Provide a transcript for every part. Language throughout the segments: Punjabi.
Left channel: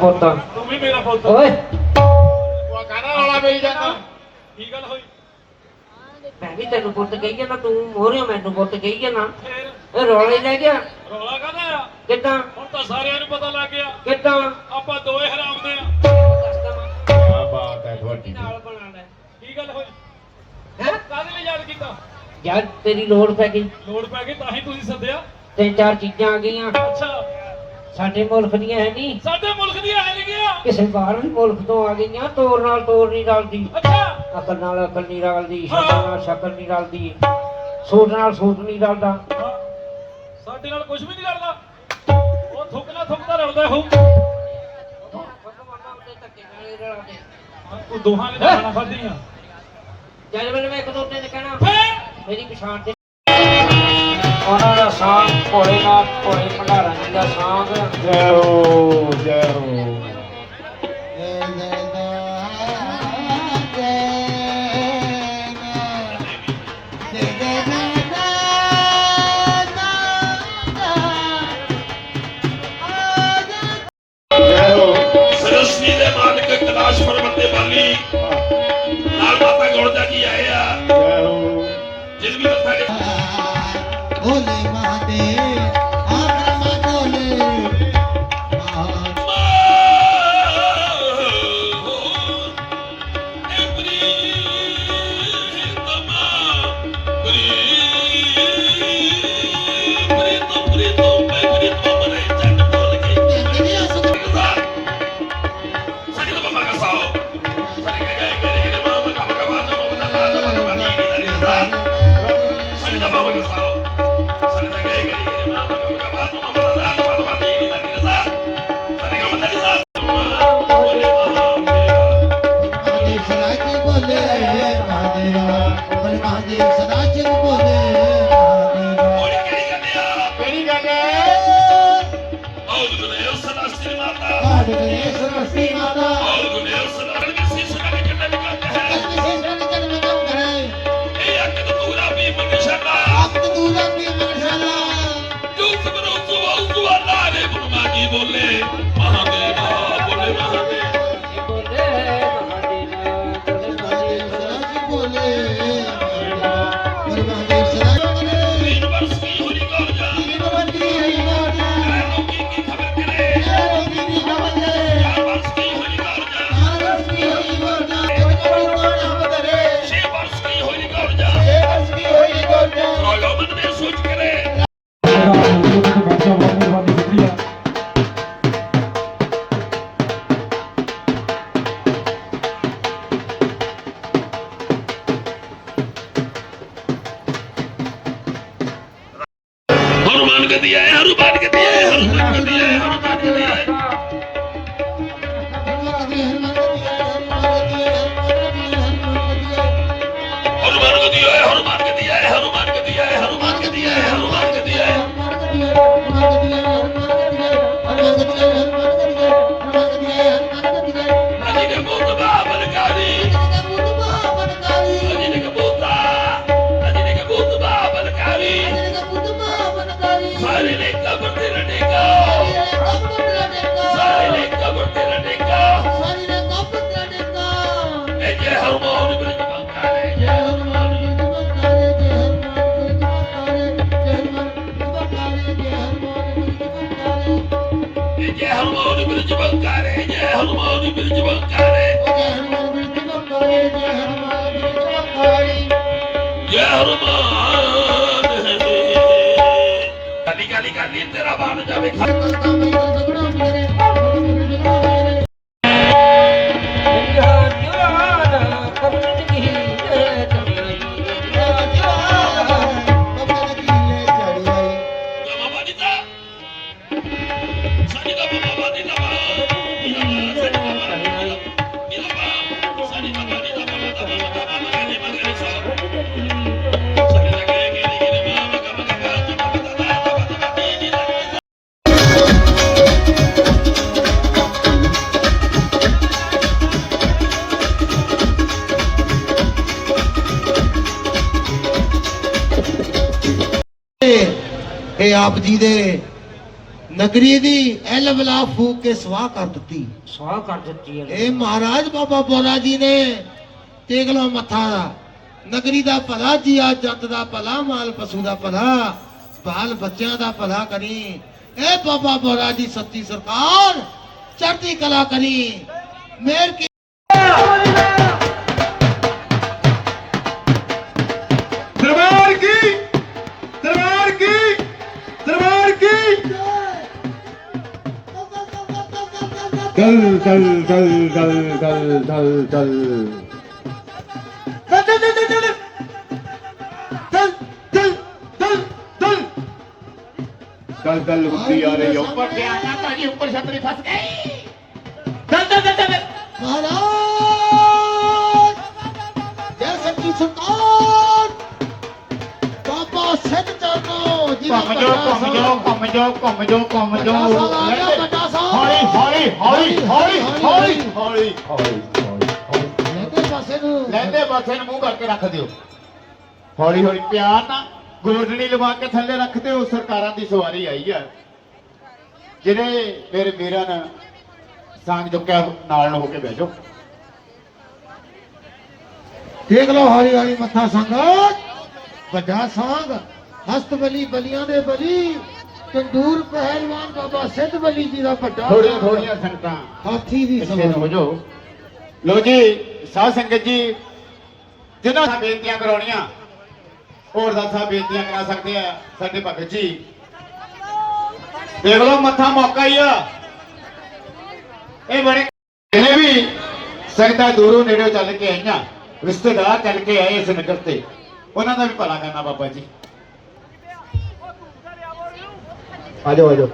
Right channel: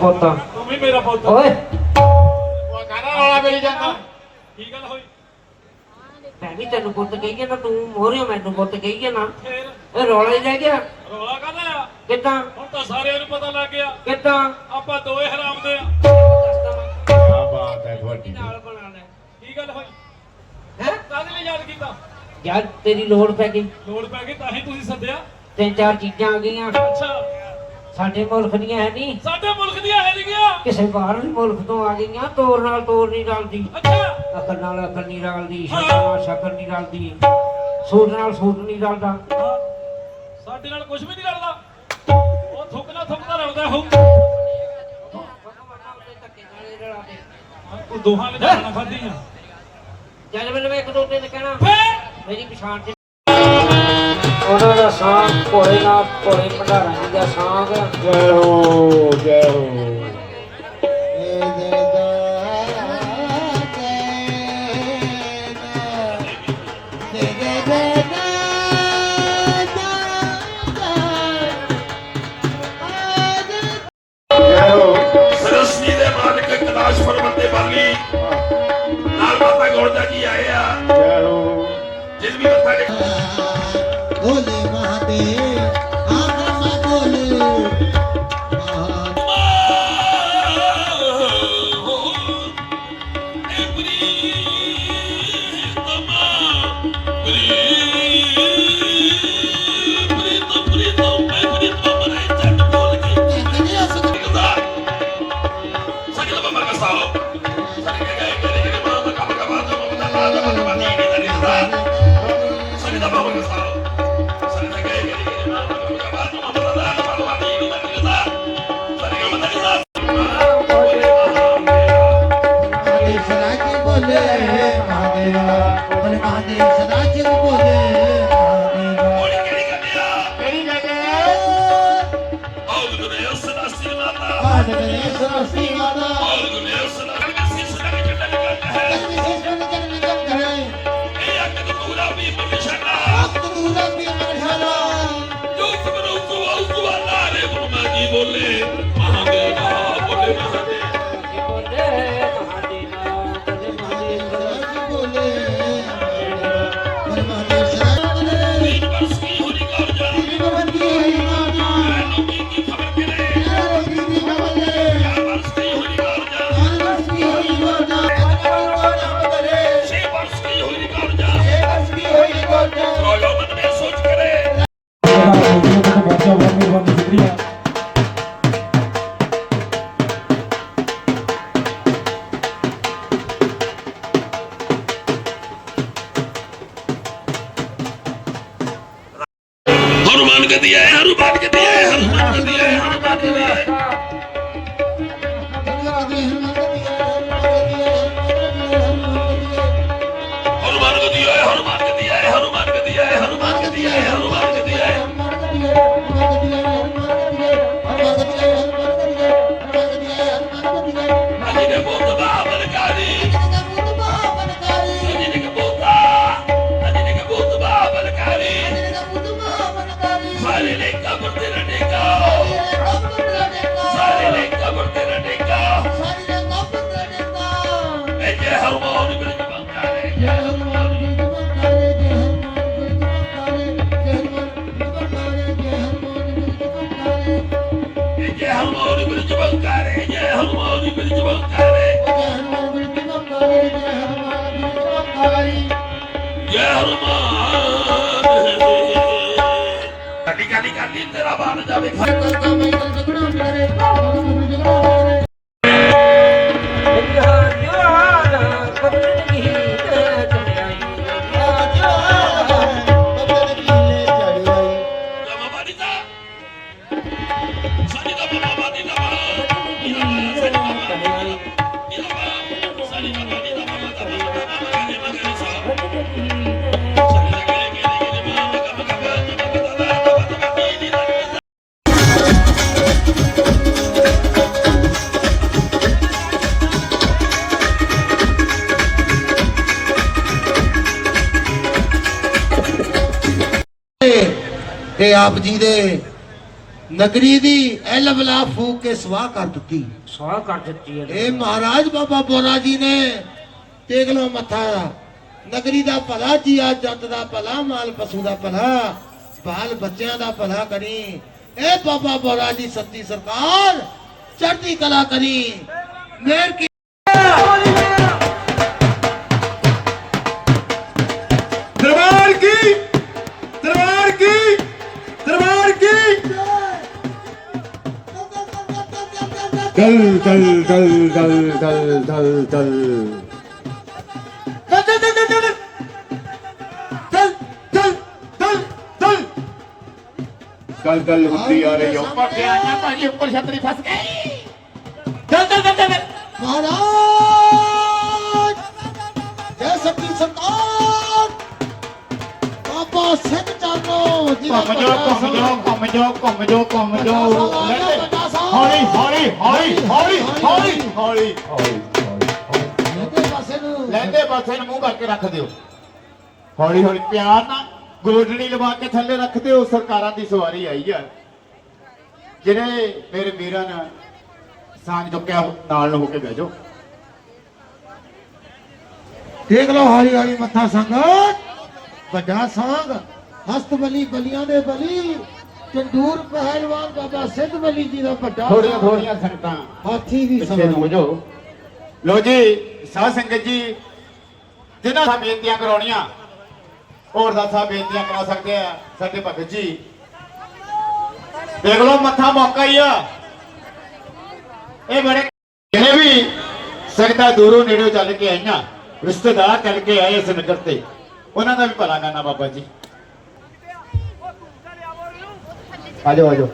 ਪੁੱਤ। ਤੂੰ ਵੀ ਮੇਰਾ ਪੁੱਤ। ਓਏ। ਉਹ ਗਾਣਾ ਵਾਲਾ ਮੇਰੀ ਜਾਂਦਾ। ਕੀ ਗੱਲ ਹੋਈ? ਮੈਂ ਵੀ ਤੈਨੂੰ ਪੁੱਤ ਕਹੀ ਜਾਣਾ ਤੂੰ ਮੋਹਰਿਓ ਮੈਨੂੰ ਪੁੱਤ ਕਹੀ ਫੇਰ? ਇਹ ਰੌਲਾ ਹੀ ਰਹਿ ਗਿਆ। ਰੋਲਾ ਕਾਹਦਾ ਆ? ਕਿੱਦਾਂ? ਹੁਣ ਤਾਂ ਸਾਰਿਆਂ ਨੂੰ ਪਤਾ ਲੱਗ ਗਿਆ। ਕਿੱਦਾਂ? ਆਪਾਂ ਦੋਏ ਹਰਾਮ ਦੇ ਆ। ਕੀ ਬਾਤ ਹੈ ਤੁਹਾਡੀ। ਨਾਲ ਬਣਾ ਲੈ ਕੀ ਗੱਲ ਹੋਈ? ਹੈ? ਕਾਹਦੇ ਲਈ ਯਾਦ ਕੀਤਾ? ਯਾਰ ਤੇਰੀ ਲੋੜ ਪੈ ਗਈ। ਲੋੜ ਪੈ ਗਈ ਤਾਂ ਹੀ ਤੁਸੀਂ ਸੱਦਿਆ। ਤਿੰਨ ਚਾਰ ਚੀਜ਼ਾਂ ਆ ਗਈਆਂ। ਅੱਛਾ। ਸਾਡੇ ਮੁਲਕ ਦੀਆਂ ਹੈ ਨਹੀਂ। ਸਾਡੇ ਮੁਲਕ ਦੀਆਂ ਹੈ ਨਹੀਂ ਗਿਆ। ਕਿਸੇ ਬਾਹਰਲੇ ਮੁਲਕ ਤੋਂ ਆ ਗਈਆਂ ਤੋਰ ਨਾਲ ਤੋਰ ਨਹੀਂ ਰਲਦੀ। ਅੱਛਾ। ਅਕਲ ਨਾਲ ਅਕਲ ਨਹੀਂ ਰਲਦੀ ਸ਼ਕਲ ਨਾਲ ਸ਼ਕਲ ਨਹੀਂ ਰਲਦੀ। ਸੂਟ ਨਾਲ ਸੂਟ ਨਹੀਂ ਰਲਦਾ। ਸਾਡੇ ਨਾਲ ਕੁਝ ਵੀ ਨਹੀਂ ਲੜਦਾ ਉਹ ਥੁੱਕਣਾ ਥੁੱਕਦਾ ਰਲਦਾ ਹੋ ਤੂੰ ਦੋਹਾਂ ਨੇ ਜਾਣਾ ਫੜਦੀਆਂ ਜਦ ਮੈਨੂੰ ਇੱਕ ਦੋ ਦਿਨ ਕਹਿਣਾ ਫੇਰ? ਮੇਰੀ ਪਛਾਣ ਤੇ ਉਹਨਾਂ ਦਾ ਸਾਥ ਭੋਲੇ ਨਾਲ ਭੋਲੇ ਭੰਡਾਰਾ ਜੀ ਦਾ ਸਾਥ। ਜੈ ਹੋ ਜੈ ਹੋ ਜੈ ਹੋ ਸਰਸਨੀ ਦੇ ਮਾਲਕ ਕਲਾਸ਼ ਪਰਬਤ ਦੇ ਬਾਲੀ ਨਾਲ ਮਾਤਾ ਗੋਲਦਾ ਜੀ ਆਏ তোমার তোমার না বলে আমাকে বলে না। दिया है, हरू बाँध के दिया है, हरू बाँध के दिया है, हरू बाँध के दिया है। हनुमान को दिया है हनुमान को दिया है हनुमान को दिया है हनुमान مانا دينه کالي کالي تيرا ਇਹ ਆਪ ਜੀ ਦੇ ਨਗਰੀ ਦੀ ਐਲ ਬਲਾ ਫੂਕ ਕੇ ਸਵਾਹ ਕਰ ਦਿੱਤੀ। ਸਵਾਹ ਕਰ ਦਿੱਤੀ ਇਹ ਮਹਾਰਾਜ ਬਾਬਾ ਬੋਰਾ ਜੀ ਨੇ ਟੇਕ ਲੋ ਮੱਥਾ ਨਗਰੀ ਦਾ ਭਲਾ ਜੀਆ ਜੱਤ ਦਾ ਭਲਾ ਮਾਲ ਪਸ਼ੂ ਦਾ ਭਲਾ ਬਾਲ ਬੱਚਿਆਂ ਦਾ ਭਲਾ ਕਰੀ। ਇਹ ਬਾਬਾ ਬੋਰਾ ਜੀ ਸੱਤੀ ਸਰਕਾਰ ਚੜ੍ਹਦੀ ਕਲਾ ਕਰੀ। ਮੇਰ dal dal dal dal dal dal. Dal dal dal dal dal. Dal dal dal dal. दल दल होती आ रही ऊपर से आना पाजी ऊपर छतरी फंस गई दल दल दल दल महाराज जय सती सुल्तान बाबा सिंह जानो घूम जाओ घूम जाओ घूम जाओ घूम जाओ ਹੌਲੀ ਹੌਲੀ ਹੌਲੀ ਹੌਲੀ ਹੌਲੀ ਹੌਲੀ। ਹੌਲੀ ਇਹਦੇ ਪਾਸੇ ਨੂੰ। ਲੈਂਦੇ ਪਾਸੇ ਨੂੰ ਮੂੰਹ ਕਰਕੇ ਰੱਖ ਦਿਓ। ਹੌਲੀ ਹੌਲੀ ਪਿਆਰ ਨਾਲ ਗੋਡੜੀ ਲਵਾ ਕੇ ਥੱਲੇ ਰੱਖ ਦਿਓ। ਸਰਕਾਰਾਂ ਦੀ ਸਵਾਰੀ ਆਈ ਆ। ਜਿਹੜੇ ਮੇਰੇ ਵੀਰਾਂ ਨੇ ਸਾਂਝ ਚੁੱਕਿਆ ਨਾਲ ਨੂੰ ਹੋ ਕੇ ਬਹਿ ਜਾਓ। ਦੇਖ ਲਓ ਹਰੀ ਹਰੀ ਮੱਥਾ ਸੰਗਤ। ਵੱਡਾ ਸੰਗ ਹਸਤ ਬਲੀ ਬਲੀਆਂ ਦੇ ਬਲੀ। ਤੰਦੂਰ ਪਹਿਲਵਾਨ ਬਾਬਾ ਸਿੱਧ ਬਲੀ ਜੀ ਦਾ ਵੱਡਾ ਥੋੜੀਆਂ। ਥੋੜੀਆਂ ਸੰਗਤਾਂ ਹਾਥੀ ਦੀ ਨੂੰ ਹੋ ਜਾਓ ਲੋ ਜੀ ਸਾਧ ਸੰਗਤ ਜੀ ਜਿਹਨਾਂ ਸਾ ਬੇਨਤੀਆਂ ਕਰਾਉਣੀਆਂ। ਹੋਰ ਦਾ ਸਾਹਿਬ ਬੇਨਤੀਆਂ ਕਰਾ ਸਕਦੇ ਆ ਸਾਡੇ ਭਗਤ ਜੀ। ਦੇਖ ਲਓ ਮੱਥਾ ਮੌਕਾ ਹੀ ਆ। ਇਹ ਬੜੇ ਜਿਹੜੇ ਵੀ ਸੰਗਤਾਂ ਦੂਰੋਂ ਨੇੜੋਂ ਚੱਲ ਕੇ ਆਈਆਂ ਰਿਸ਼ਤੇਦਾਰ ਚੱਲ ਕੇ ਆਏ ਇਸ ਨਗਰ ਤੇ ਉਹਨਾਂ ਦਾ ਵੀ ਭਲਾ ਕਰਨਾ ਬਾਬਾ ਜੀ। ਆ ਜਾਓ ਆ ਜਾਓ।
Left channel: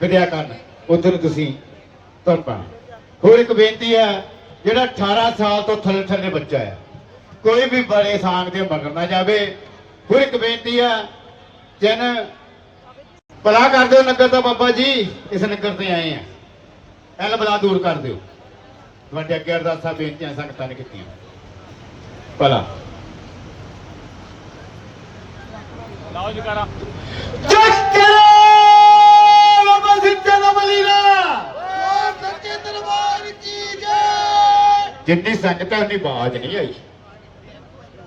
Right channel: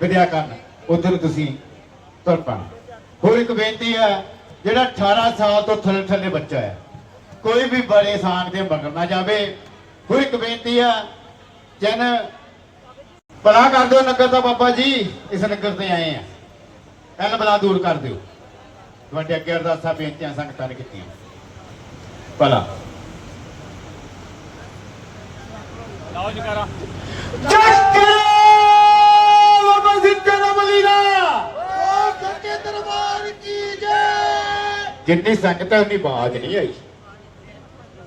ਵਿਦਿਆ ਕਰਨ ਉਧਰ ਤੁਸੀਂ ਤੁਰ ਪੈਣਾ ਹੋਰ ਇੱਕ ਬੇਨਤੀ ਹੈ, ਜਿਹੜਾ 18 ਸਾਲ ਤੋਂ ਥੱਲੇ ਥੱਲੇ ਬੱਚਾ ਹੈ, ਕੋਈ ਵੀ ਬੜੇ ਸਾਂਗ ਦੇ ਮਗਰ ਨਾ ਜਾਵੇ। ਹੋਰ ਇੱਕ ਬੇਨਤੀ ਹੈ, ਜਨ ਭਲਾ ਕਰ ਦਿਓ ਨਗਰ ਦਾ ਬਾਬਾ ਜੀ, ਇਸ ਨਗਰ ਤੇ ਆਏ ਆ। ਕੱਲ ਬਲਾ ਦੂਰ ਕਰ ਦਿਓ। ਤੁਹਾਡੇ ਅੱਗੇ ਅਰਦਾਸਾਂ ਬੇਨਤੀਆਂ ਸੰਗਤਾਂ ਨੇ ਕੀਤੀਆਂ। ਭਲਾ। ਲਾਓ ਜਕਾਰਾ ਚੱਕਰੇ ਬਾਬਾ ਸਿੱਧੇ ਦਾ ਬਲੀਨਾ ਸੱਚੇ ਦਰਬਾਰ ਕੀ ਜੈ! ਜਿੰਨੀ ਸੰਗਤ ਹੈ ਉਨੀ ਬਾਜ ਨਹੀਂ ਆਈ।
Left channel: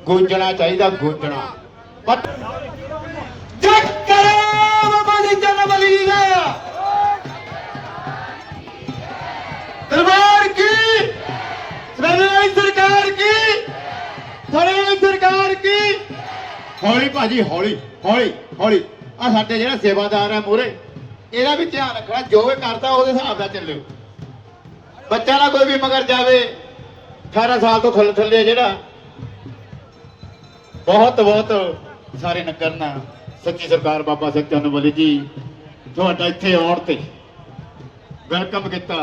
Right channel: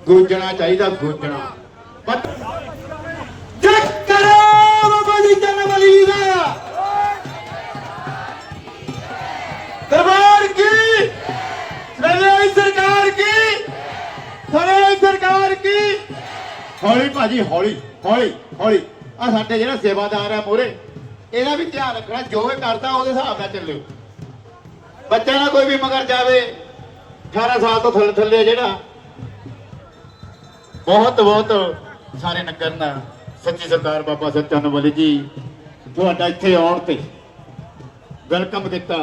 ਗੂੰਜਣਾ ਚਾਹੀਦਾ ਗੂੰਜਣਾ। ਚੱਕਰੇ ਬਾਬਾ ਬਲੀ ਦਾ ਦਰਬਾਰ ਹੌਲੀ ਭਾਜੀ, ਹੌਲੀ ਹੌਲੀ ਹੌਲੀ। ਆ ਸਾਡੇ ਜਿਹੜਾ ਸੇਵਾਦਾਰ ਹੈ ਮੋਰੇ ਇਹਦਾ ਵੀ ਧਿਆਨ ਰੱਖਣਾ, ਜੋ ਵੀ ਕਰਦਾ ਉਹਦੇ ਹਿਸਾਬ ਨਾਲ ਚੱਲਿਓ। ਬੱਚਾ ਨਾ ਕੋਈ ਵੀ ਮਗਰ ਜਾਵੇ 18 ਸਾਲ ਤੋਂ ਥੱਲੇ ਥੱਲੇ ਜਿਹੜਾ। ਬਹੁਤ ਬਹੁਤ ਸਾਰੇ ਨਗਰ ਨਾਲ ਸੱਚੀ ਸਰਦਾਰ ਬਾਬਾ ਸਤਿਆਨੰਦ ਵਾਲੀ ਜੀ, ਤੁਹਾਡਾ ਇੱਥੇ ਆਉਣ ਤੇ ਵੈਲਕਮ ਕੀਤਾ।